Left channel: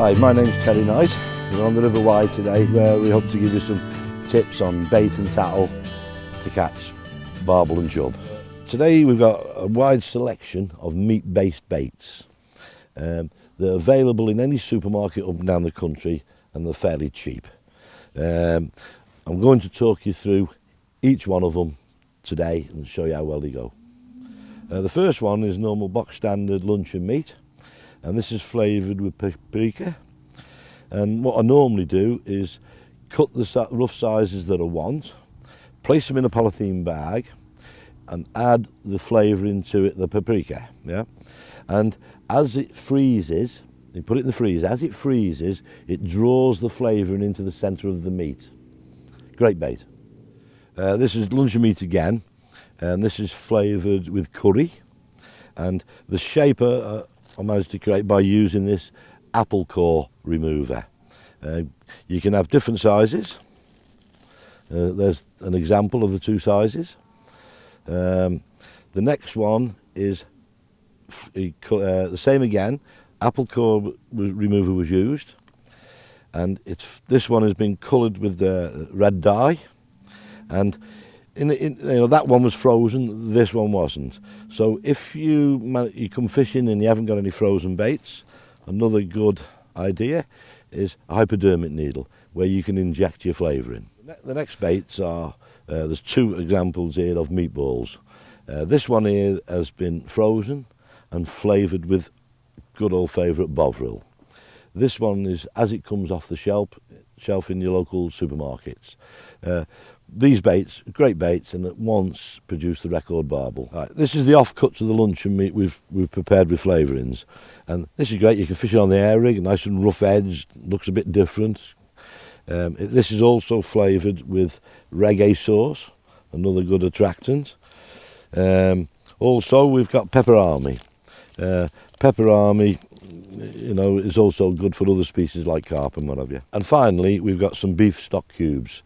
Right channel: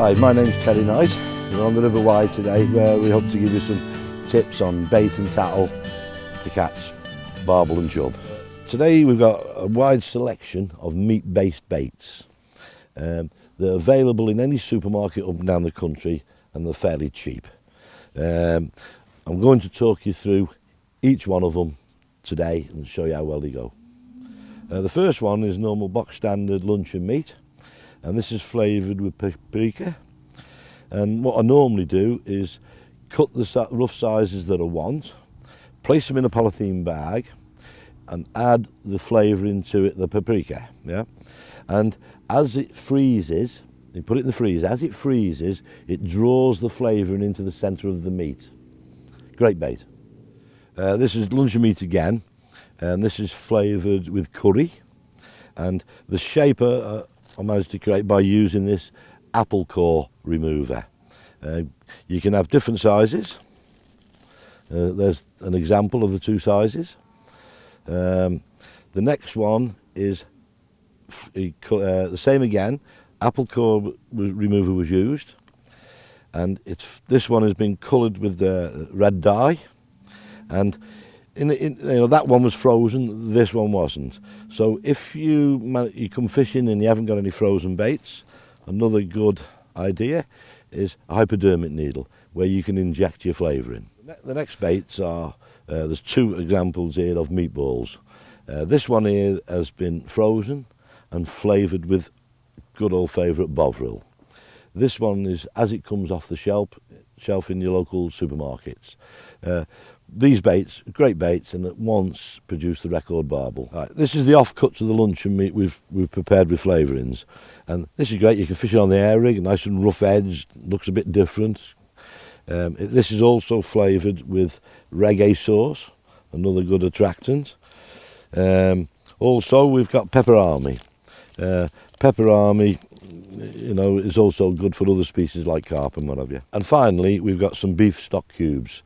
Hi, my name's Terry Knight. We're on the River Wye today, where we hope to give you some tips on bait and tackle to catch barbel and chub. Today we've got a wide selection of meat-based baits. They're available in any supermarket up and down the country, and they're fairly cheap. I'm going to talk you through each one of them today and show you how well they go. The first one is normal box standard luncheon meat, and this is flavoured with paprika. And what I normally do is cut the rough sizes that I want, place them in a polythene bag and add the flavour into it, the paprika, yeah? And as it freezes, you put it in the freezer, as it freezes, it draws the flavouring into the centre of the meat. Great bait. This is luncheon meat again, and this is flavoured with curry. And the shape I managed to create by using this apple core remover. You can have different sizes. There's an example of the two sizes. The next one is the same again. Apple core remover was used, and this one has been coloured with the red dye, and that one was frozen, this one wasn't. So if you come fishing and you haven't got any frozen baits, another good idea is a hypodermic needle where you can inject your flavour in. The next baits are, there's two examples here of meatballs. This one here has been frozen and flavoured with good old favourite Bovril. This one is as it comes off the shelf in your local supermarkets. These baits, great baits, and at once produce the record barbel. Right, this is the offcuts of the luncheon meat we've prepared with flavourings, and this is great. You can fish it on the air rig, nice and rough edged, looks a bit different. This is also flavoured with reggae sauce, another good attractant. Also, we've got pepper army. Pepper army, is also good for other species like carp and what have you. And finally, we've got some beef stock cubes.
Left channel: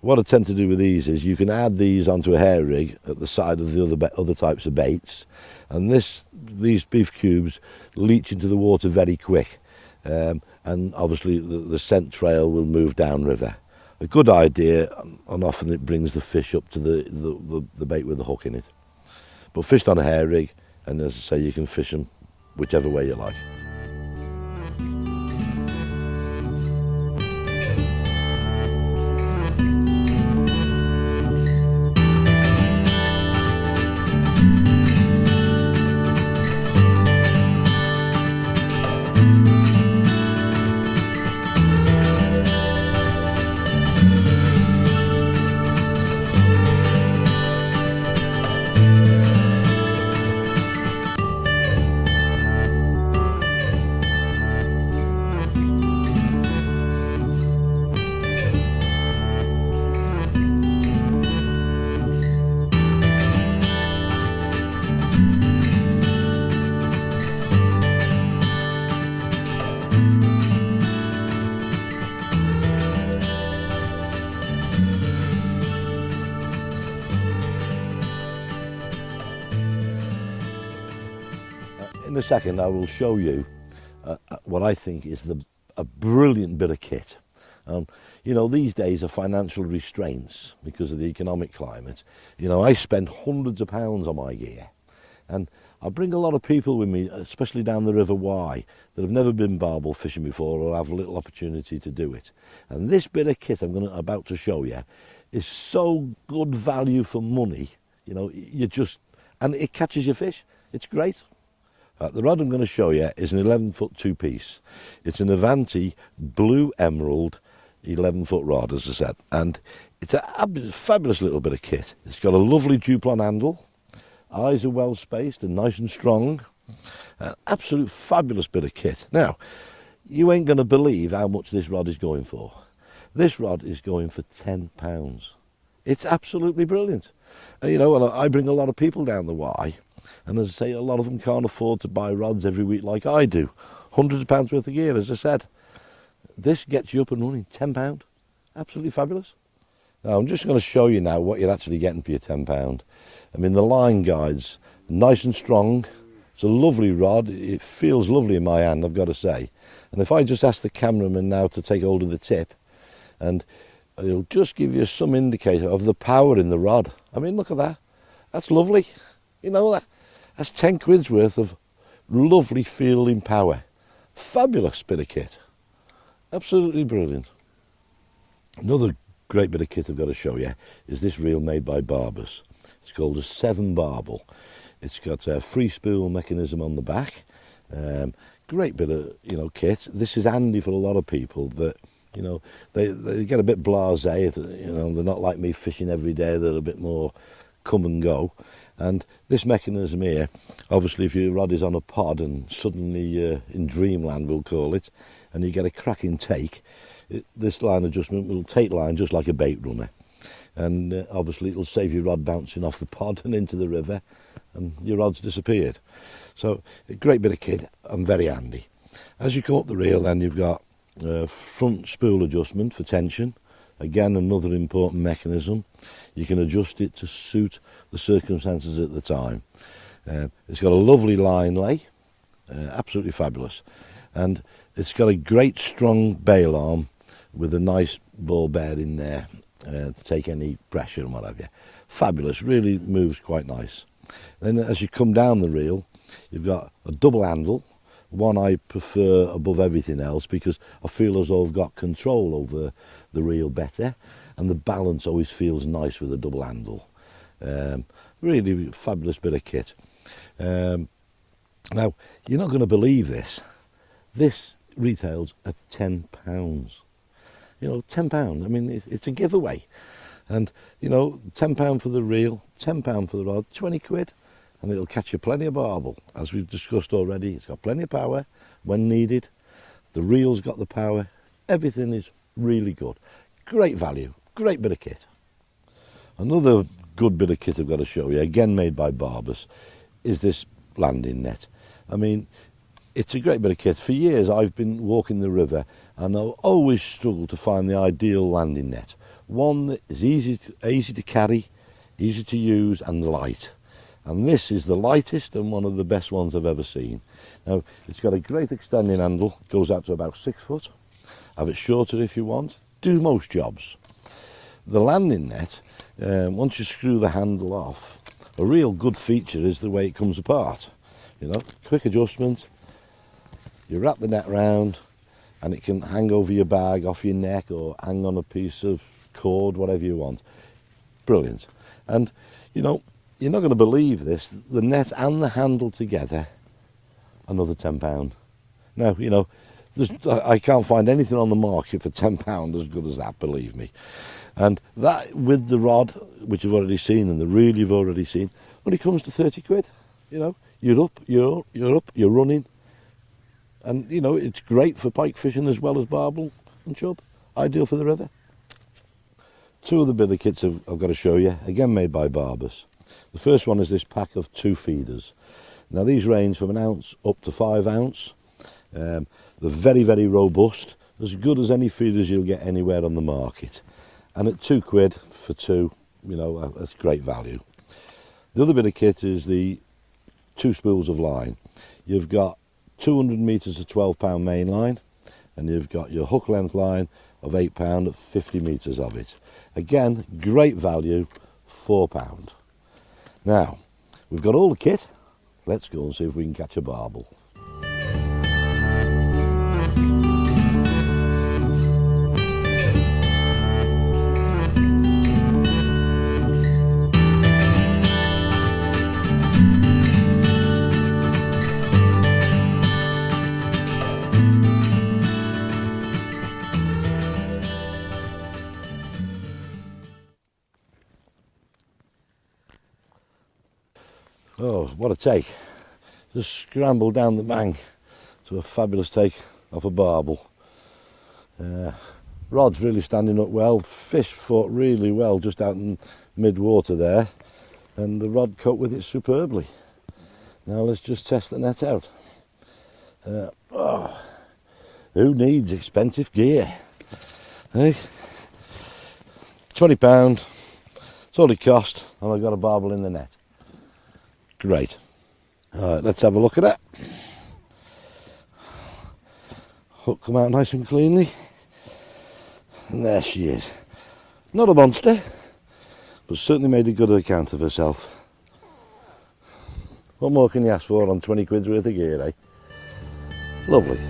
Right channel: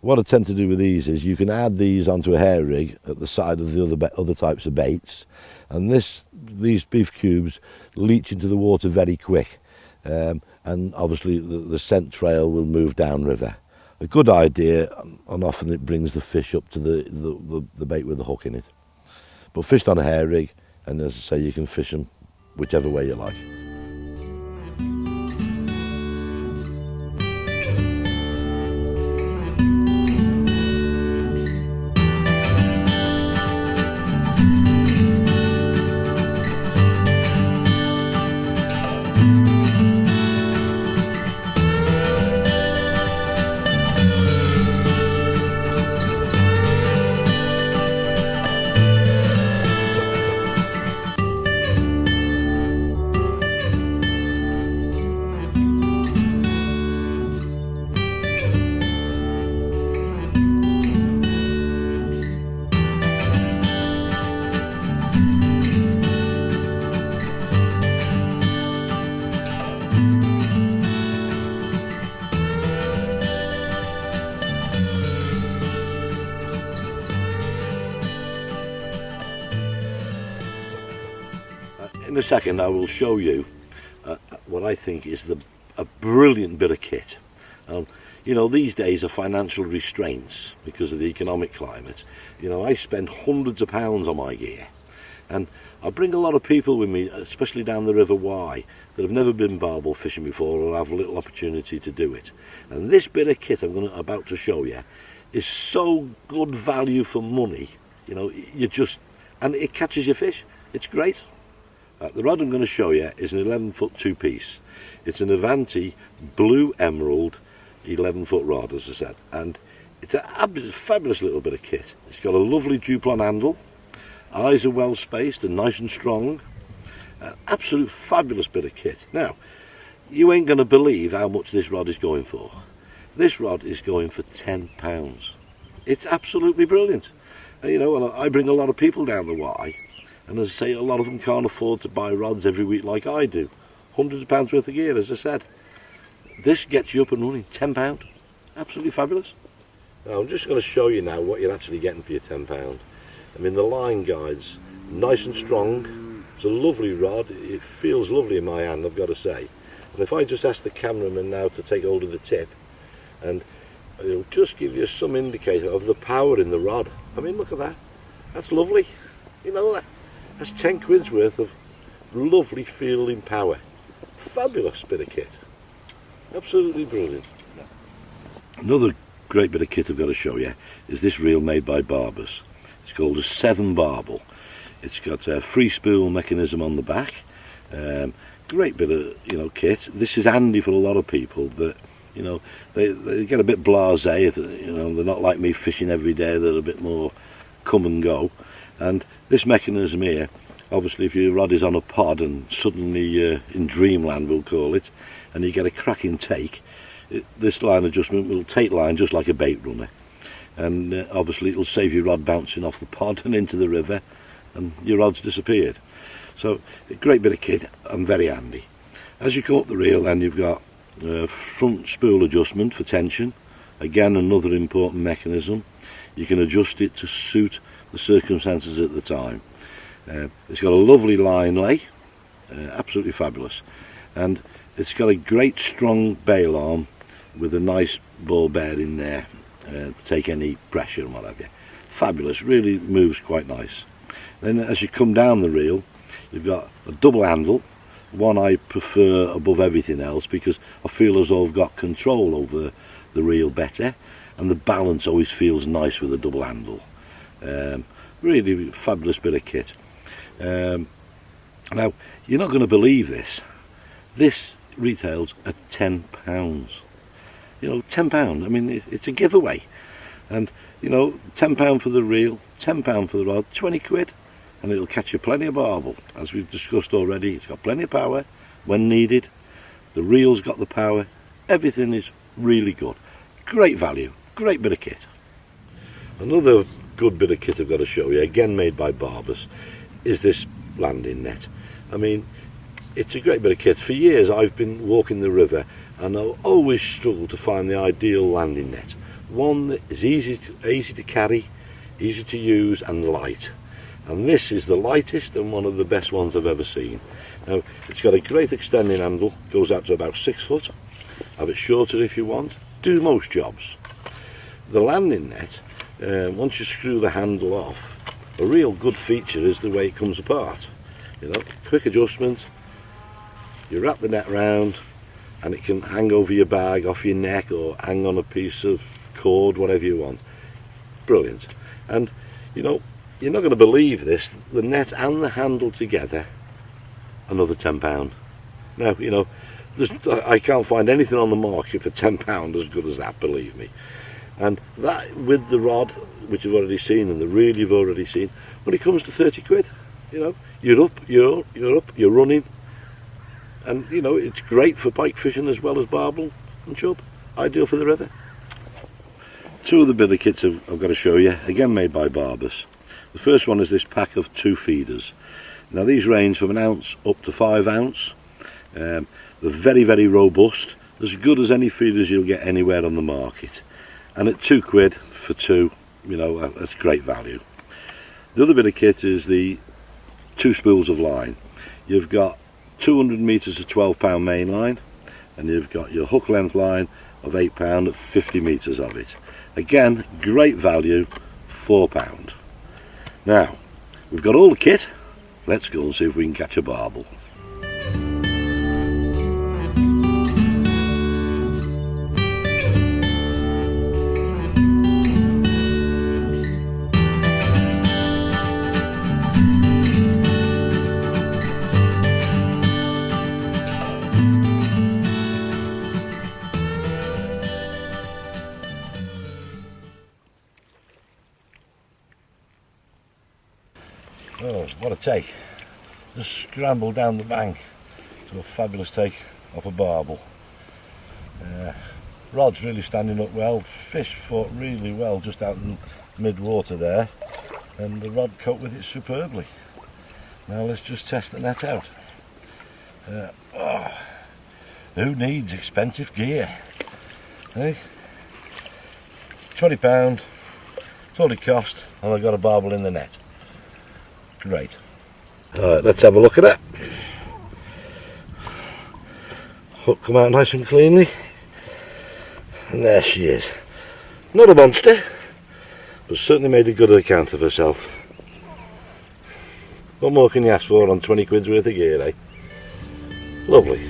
What I tend to do with these is you can add these onto a hair rig at the side of the other types of baits, and these beef cubes leach into the water very quick, and obviously the scent trail will move downriver. A good idea, and often it brings the fish up to the bait with the hook in it. But fished on a hair rig, and as I say, you can fish them whichever way you like. In a second I will show you what I think is a brilliant bit of kit. These days of financial restraints because of the economic climate, I spend hundreds of pounds on my gear, and I bring a lot of people with me, especially down the River Wye, that have never been barbel fishing before or have a little opportunity to do it. And this bit of kit I'm about to show you is so good value for money. And it catches your fish. It's great. The rod I'm going to show you is an 11-foot two-piece. It's an Avanti blue emerald 11-foot rod, as I said, and it's a fabulous little bit of kit. It's got a lovely Duplon handle, eyes are well spaced and nice and strong. An absolute fabulous bit of kit. Now, you ain't going to believe how much this rod is going for. This rod is going for £10. It's absolutely brilliant. And, I bring a lot of people down the Wye, and as I say, a lot of them can't afford to buy rods every week like I do. Hundreds of pounds worth of gear, as I said. This gets you up and running, £10. Absolutely fabulous. Now, I'm just going to show you now what you're actually getting for your £10. I mean, the line guide's nice and strong. It's a lovely rod. It feels lovely in my hand, I've got to say. And if I just ask the cameraman now to take hold of the tip, and it'll just give you some indicator of the power in the rod. I mean, look at that. That's lovely. You know, that's 10 quid's worth of lovely feeling power. Fabulous bit of kit. Absolutely brilliant. Another great bit of kit I've got to show you is this reel made by Barbel. It's called a 7 Barbel. It's got a free spool mechanism on the back. Great bit of kit. This is handy for a lot of people that they get a bit blasé. They're not like me fishing every day. They're a bit more come and go. And this mechanism here, obviously, if your rod is on a pod and suddenly in dreamland, we'll call it, and you get a cracking take, this line adjustment will take line just like a bait runner, and obviously it'll save your rod bouncing off the pod and into the river, and your rod's disappeared. So a great bit of kit and very handy. As you come up the reel, then you've got front spool adjustment for tension. Again, another important mechanism. You can adjust it to suit the circumstances at the time. It's got a lovely line lay, absolutely fabulous, and it's got a great strong bail arm with a nice ball bearing there to take any pressure and what have you. Fabulous, really moves quite nice. Then as you come down the reel, you've got a double handle, one I prefer above everything else because I feel as though I've got control over the reel better, and the balance always feels nice with a double handle. Really fabulous bit of kit. Now, you're not going to believe this. This retails at £10. £10. I mean, it's a giveaway. And, £10 for the reel, £10 for the rod, 20 quid. And it'll catch you plenty of barbel. As we've discussed already, it's got plenty of power when needed. The reel's got the power. Everything is really good. Great value. Great bit of kit. Another good bit of kit I've got to show you, again made by Barbel, is this landing net. I mean, it's a great bit of kit. For years I've been walking the river and I've always struggled to find the ideal landing net. One that is easy to carry, easy to use and light. And this is the lightest and one of the best ones I've ever seen. Now, it's got a great extending handle, goes out to about 6 foot. Have it shorter if you want. Do most jobs. The landing net, once you screw the handle off, a real good feature is the way it comes apart. Quick adjustment, you wrap the net round and it can hang over your bag, off your neck, or hang on a piece of cord, whatever you want. Brilliant. And you're not going to believe this, the net and the handle together, another £10. Now, I can't find anything on the market for £10 as good as that, believe me. And that with the rod, which you've already seen, and the reel you've already seen, when it comes to 30 quid, you're up, you're running, and it's great for pike fishing as well as barbel and chub. Ideal for the river. Two of the bit of kits I've got to show you, again made by Barbel. The first one is this pack of 2 feeders. Now these range from 1 ounce up to 5 ounce. They're very, very robust, as good as any feeders you'll get anywhere on the market. And at 2 quid for 2, that's great value. The other bit of kit is the 2 spools of line. You've got 200 metres of 12-pound main line, and you've got your hook length line of £8 at 50 metres of it. Again, great value, £4. Now, we've got all the kit. Let's go and see if we can catch a barbel. Oh, what a take. Just scrambled down the bank to a fabulous take off a barbel. Rod's really standing up well, fish fought really well just out in mid-water there, and the rod coped with it superbly. Now let's just test the net out. Who needs expensive gear? Eh? £20, that's all it cost, and I got a barbel in the net. Great. Alright, let's have a look at it. Hook come out nice and cleanly. And there she is. Not a monster, but certainly made a good account of herself. What more can you ask for on 20 quid's worth of gear, eh? Lovely.